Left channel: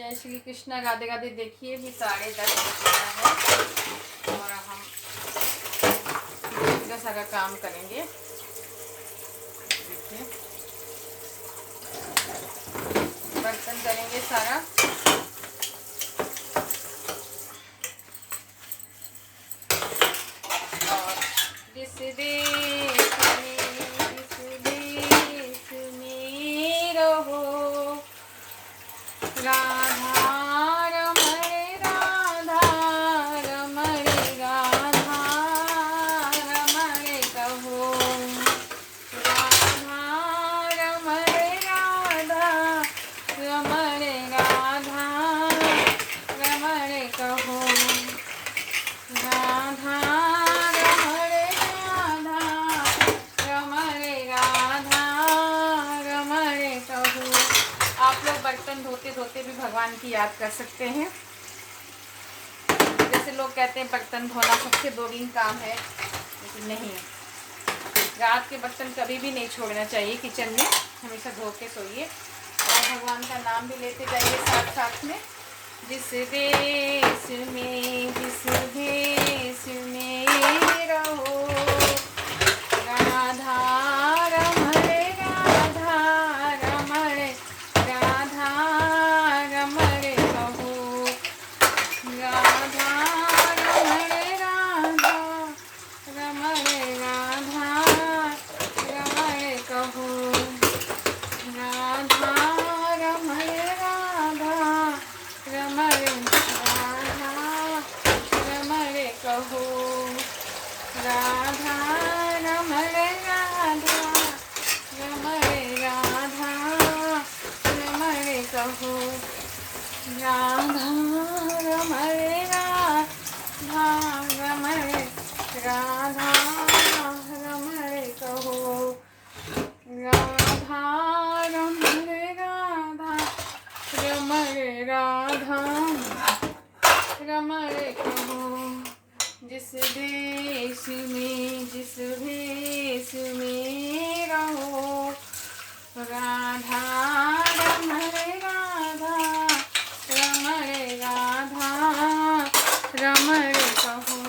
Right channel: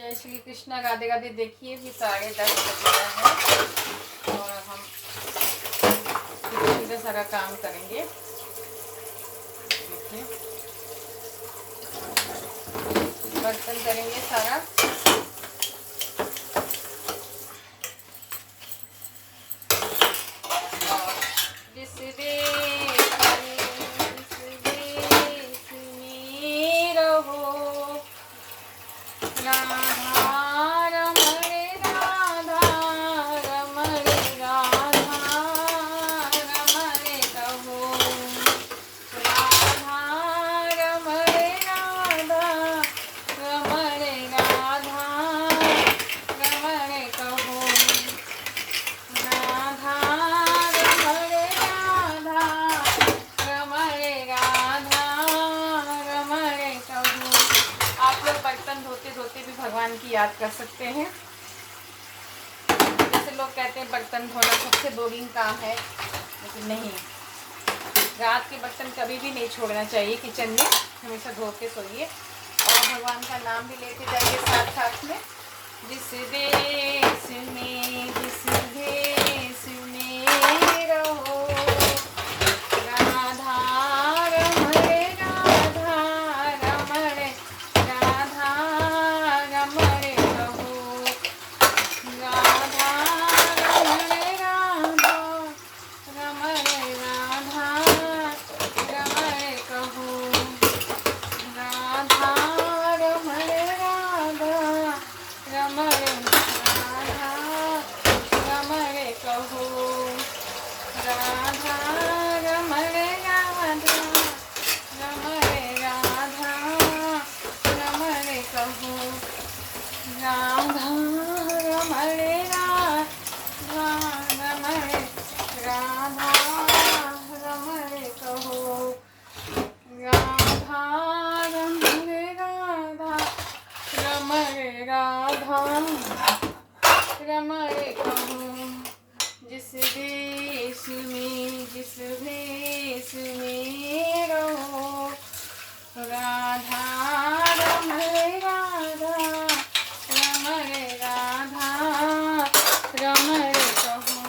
जय श्री कृष्णा। राधे राधे। देखिए भी 10:30 बज गया है और अब हम पूजा सारा काम करेंगे। देखिए बर्तन करेंगे सारा। और जिस देश में रहो राधा रमण राधा रमण राधा रमण कहो राधा रमण राधा रमण राधा रमण कहो राधा रमण राधा रमण राधा रमण कहो। आप लोग बर्तन धोते धोते भी भगवान की याद कर सकते हैं। जैसे लोग कहते हैं बर्तन धोना सबसे बोरिंग काम है, लेकिन नहीं, रात के बर्तन कभी भी नहीं छोड़ना चाहिए। किचन में हमेशा धो के सोइए और भगवान का नाम भी लेते जाइए साथ साथ में। जिस देश में रहो राधा रमण राधा रमण राधा रमण कहो राधा रमण राधा रमण राधा रमण कहो राधा रमण राधा रमण राधा रमण कहो राधा रमण राधा रमण राधा रमण कहो राधा रमण राधा रमण राधा रमण कहो राधा रमण राधा रमण राधा रमण कहो। जिस देश में जिस भेष में रहो राधा रमण राधा रमण राधा रमण कहो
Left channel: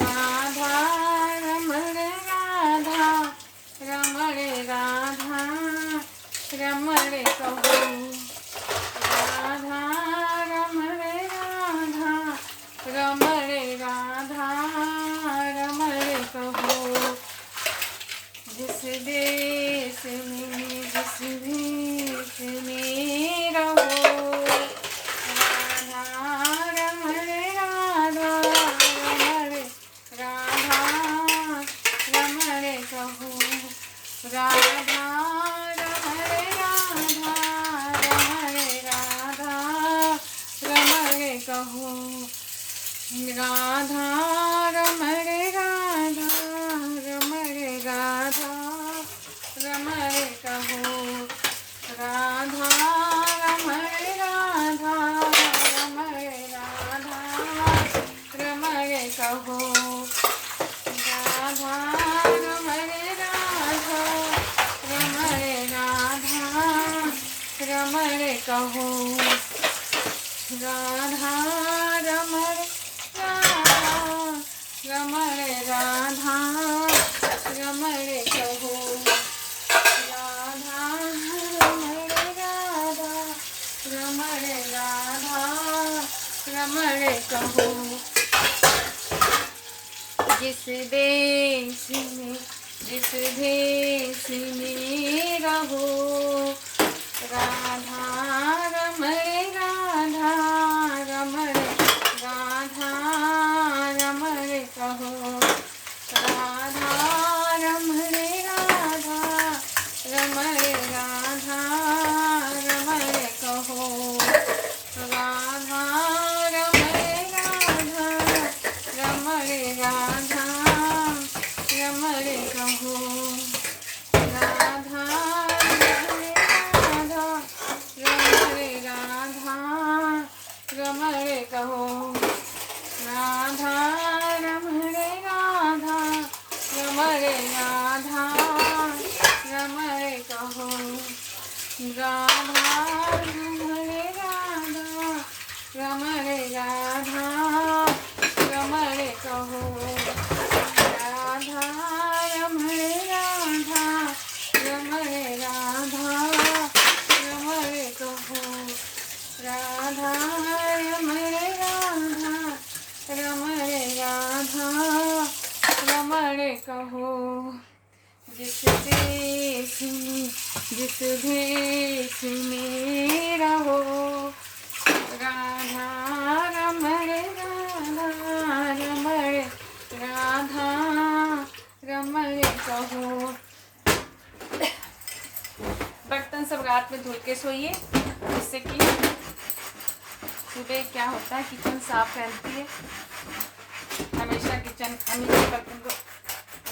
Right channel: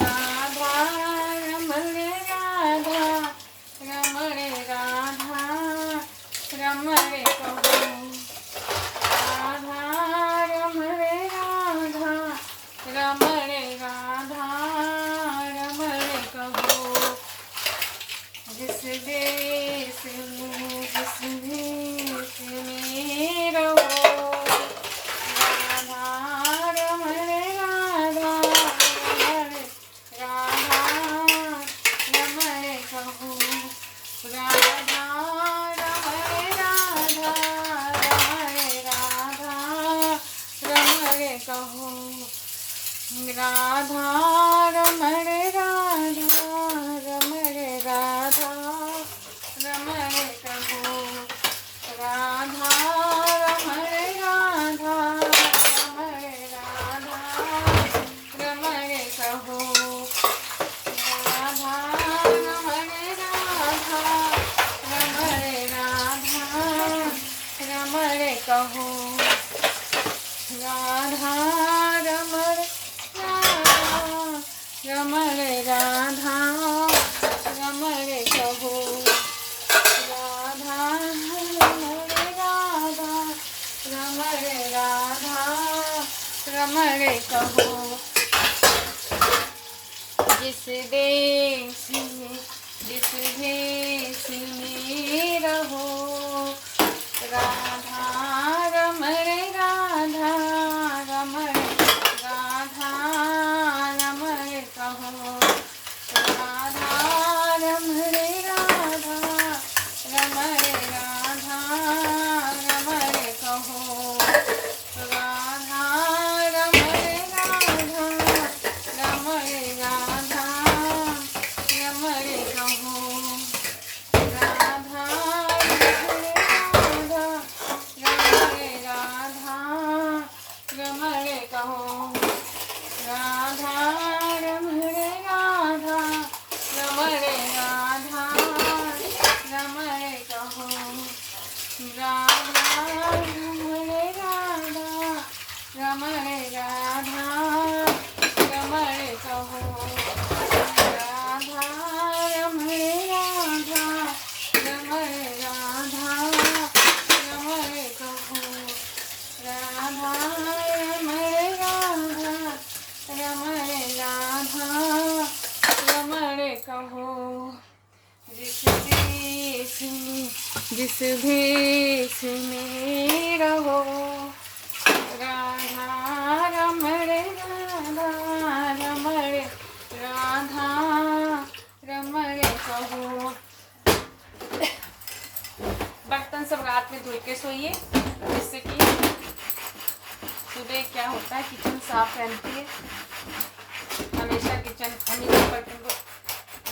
राधा रमण राधा रमण राधा रमण कहो राधा रमण राधा रमण राधा रमण कहो। जिस देश में जिस भेष में रहो राधा रमण राधा रमण राधा रमण कहो राधा रमण राधा रमण राधा रमण कहो राधा रमण राधा रमण राधा रमण कहो राधा रमण राधा रमण राधा रमण कहो राधा रमण राधा रमण राधा रमण कहो राधा रमण रमण राधा रमण कहो राधा रमण राधा रमण राधा रमण कहो। जिस देश में जिस भेष में रहो राधा रमण राधा रमण राधा रमण कहो राधा रमण राधा रमण राधा रमण कहो राधा रमण राधा रमण राधा रमण कहो राधा रमण कहो राधा रमण राधा रमण राधा रमण कहो राधा रमण राधा जिस भेष में रहो, राधा रमण राधा रमण राधा रमण कहो। बर्तन सब रात में धुल के सोइए, जिससे कि सुबह क्या होता है किचन साफ रहती है। हमेशा किचन बर्तन को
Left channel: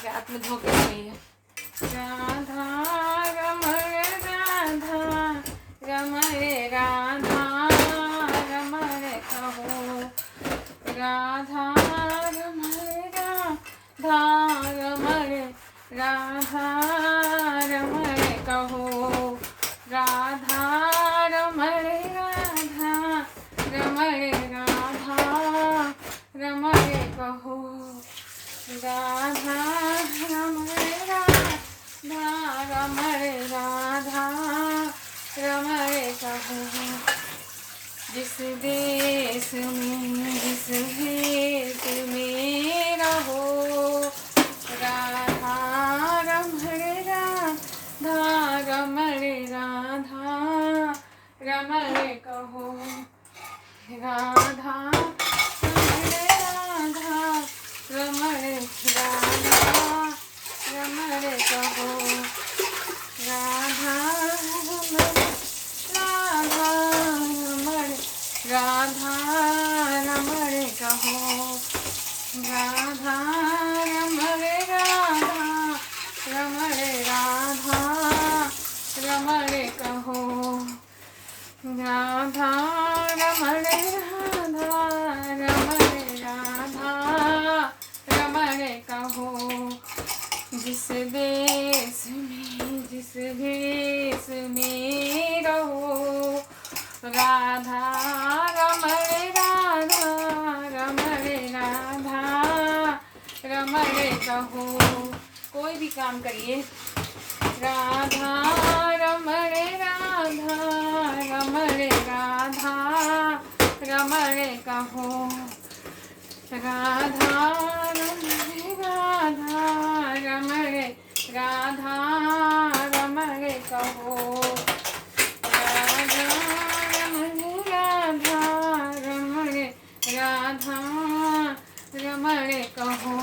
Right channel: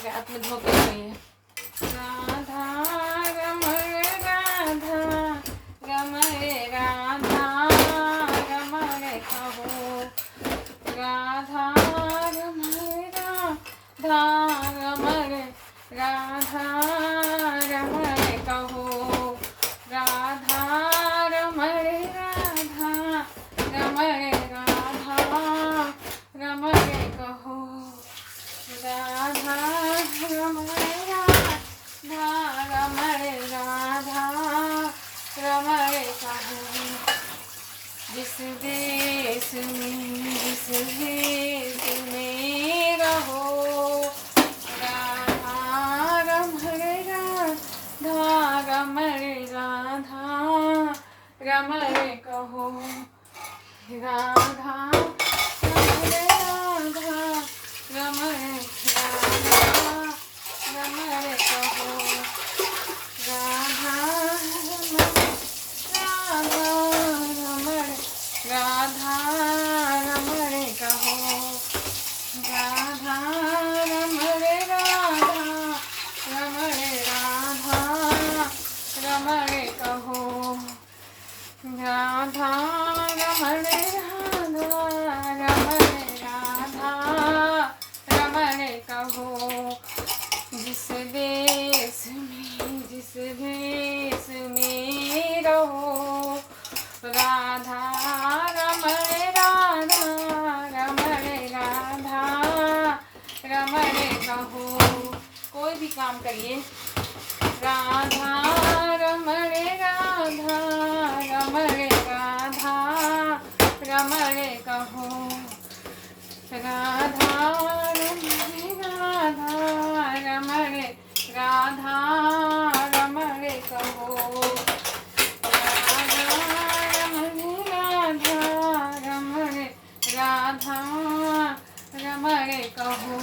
रात में धो के सोइए। राधा रमण राधा रमण राधा रमण कहो, राधा रमण राधा रमण राधा रमण कहो, राधा रमण राधा रमण राधा रमण कहो, राधा रमण राधा रमण राधा रमण कहो। जिस देश में जिस भेष में रहो, राधा रमण राधा रमण राधा रमण कहो, राधा रमण राधा रमण राधा रमण कहो, राधा रमण राधा रमण राधा रमण कहो, राधा रमण राधा रमण राधा रमण कहो, राधा रमण राधा रमण राधा रमण कहो। जिस देश में जिस भेष में रहो, राधा रमण राधा रमण राधा रमण कहो। कोई भी काम करिए, राधा रमण राधा रमण राधा रमण कहो, राधा रमण राधा रमण राधा रमण कहो, राधा रमण राधा रमण राधा रमण कहो।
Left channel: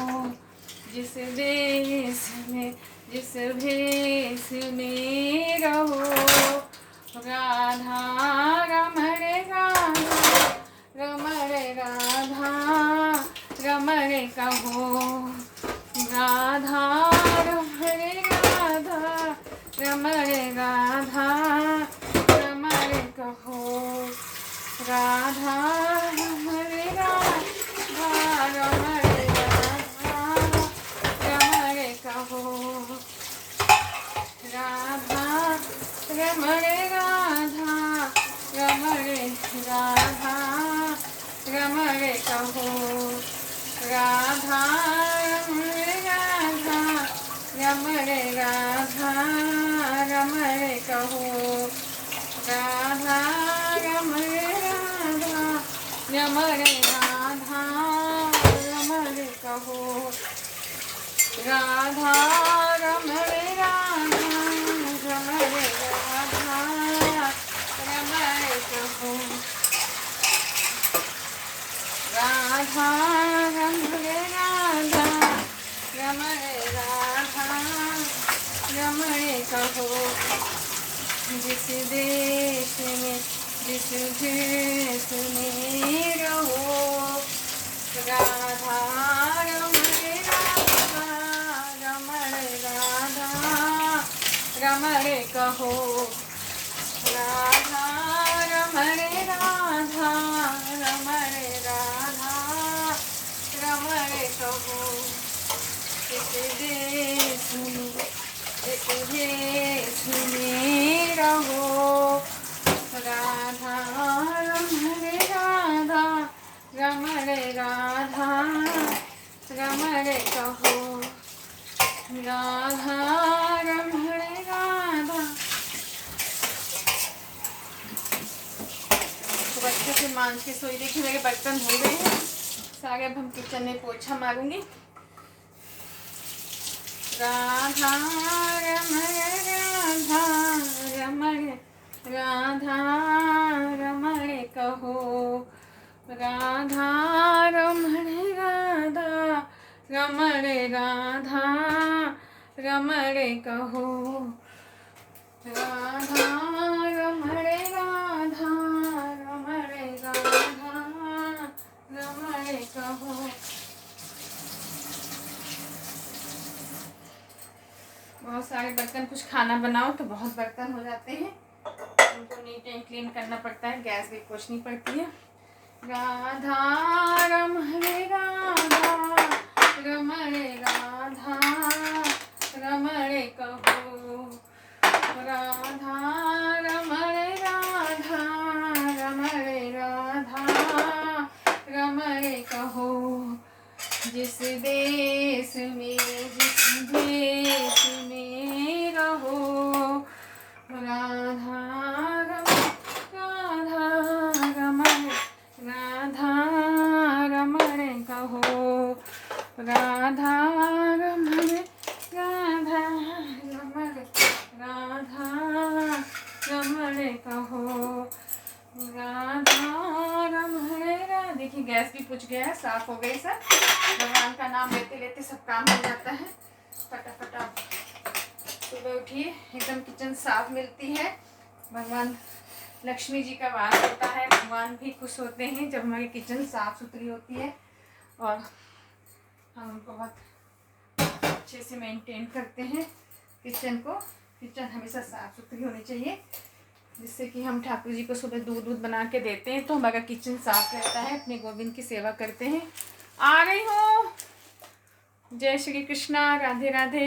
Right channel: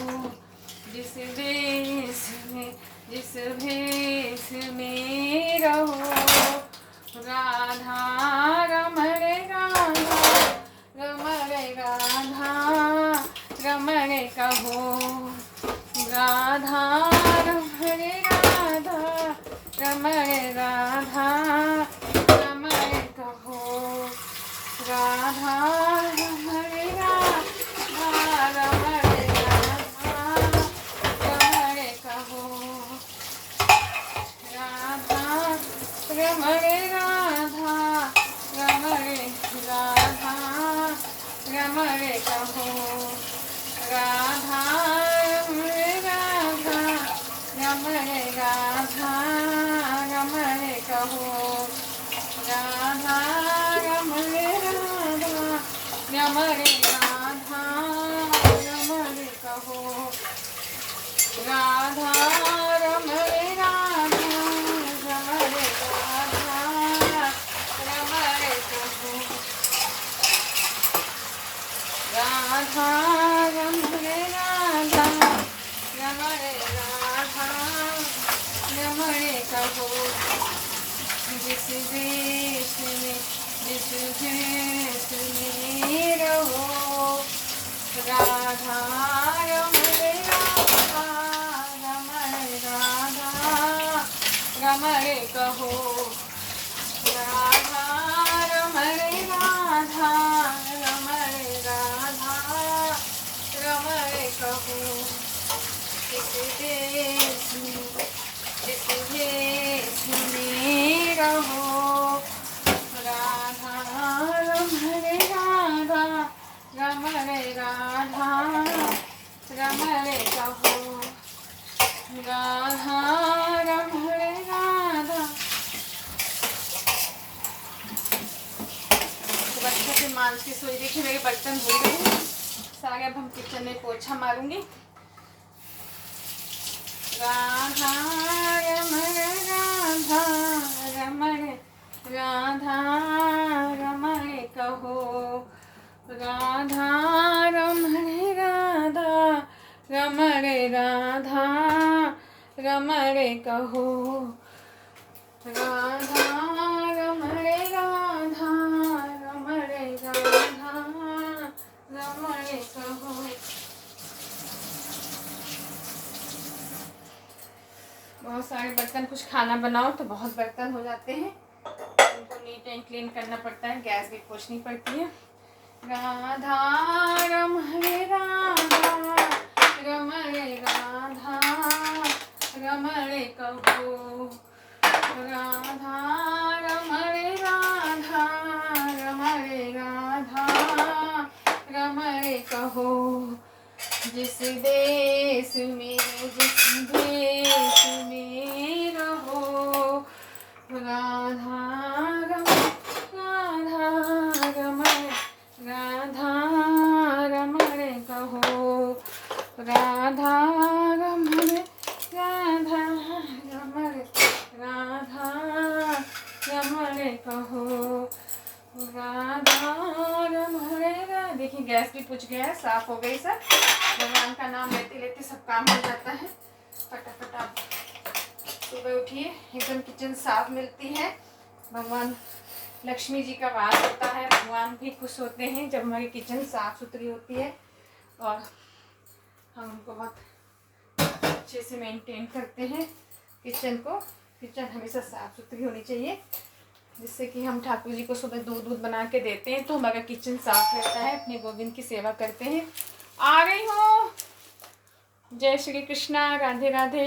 जिस देश में जिस भेष में रहो, राधा रमण राधा रमण राधा रमण कहो, राधा रमण राधा रमण राधा रमण कहो, राधा रमण राधा रमण राधा रमण कहो, राधा रमण राधा रमण राधा रमण कहो, राधा रमण राधा रमण राधा रमण कहो, राधा रमण राधा रमण राधा रमण कहो, राधा रमण राधा रमण राधा रमण कहो, राधा रमण राधा रमण राधा रमण कहो। जिस देश में जिस भेष में रहो, राधा रमण राधा रमण राधा रमण कहो, राधा रमण राधा रमण राधा रमण कहो। जिस देश में रहो, राधा रमण राधा रमण राधा रमण कहो, राधा रमण राधा। तो बच्चों के मांझ के सोई। देखिए मेरे बर्तन धुल गए हैं सारे। अब हम किचन में पोछा मारूंगी। राधा रमण राधा रमण, राधा रमण कहो, राधा रमण राधा रमण, राधा रमण कहो, राधा रमण राधा रमण, राधा रमण कहो। बहुत सारे बर्तन, कुछ खाना बनाओ तो बहुत बर्तन हो जाते हैं, उनको नीट एंड क्लीन करना पड़ता है, गैस भी पोंछनी पड़ती है। राधा रमण राधा रमण, राधा रमण कहो, राधा रमण राधा रमण, राधा रमण कहो। जिस देश में रहो, राधा रमण, राधा रमण कहो, राधा रमण राधा रमण, राधा रमण कहो, राधा रमण। देखिए गैस भी पूछ गया है, साफ हो गई सब। भगवान का नाम लेते लेते सब काम हो जाता है फटाफट। सुबह उठिए एकदम किचन साफ मिलती है। भगवान लक्ष्मी जी का वास होता है, भगवान भी खुश होते हैं जब हमारी किचन साफ सुथरी होती है और हम उनको बहुत अच्छे से मेंटेन करते हैं किचन को। किचन हमेशा साफ सुथरी होनी चाहिए, जिससे कि हम ठाकुर जी को सुबह दूध बना के देते हैं तो हमारा किचन साफ रहता है, अपने गोविंद की सेवा करते हैं। आ रही हूँ। जय श्री कृष्णा, राधे राधे।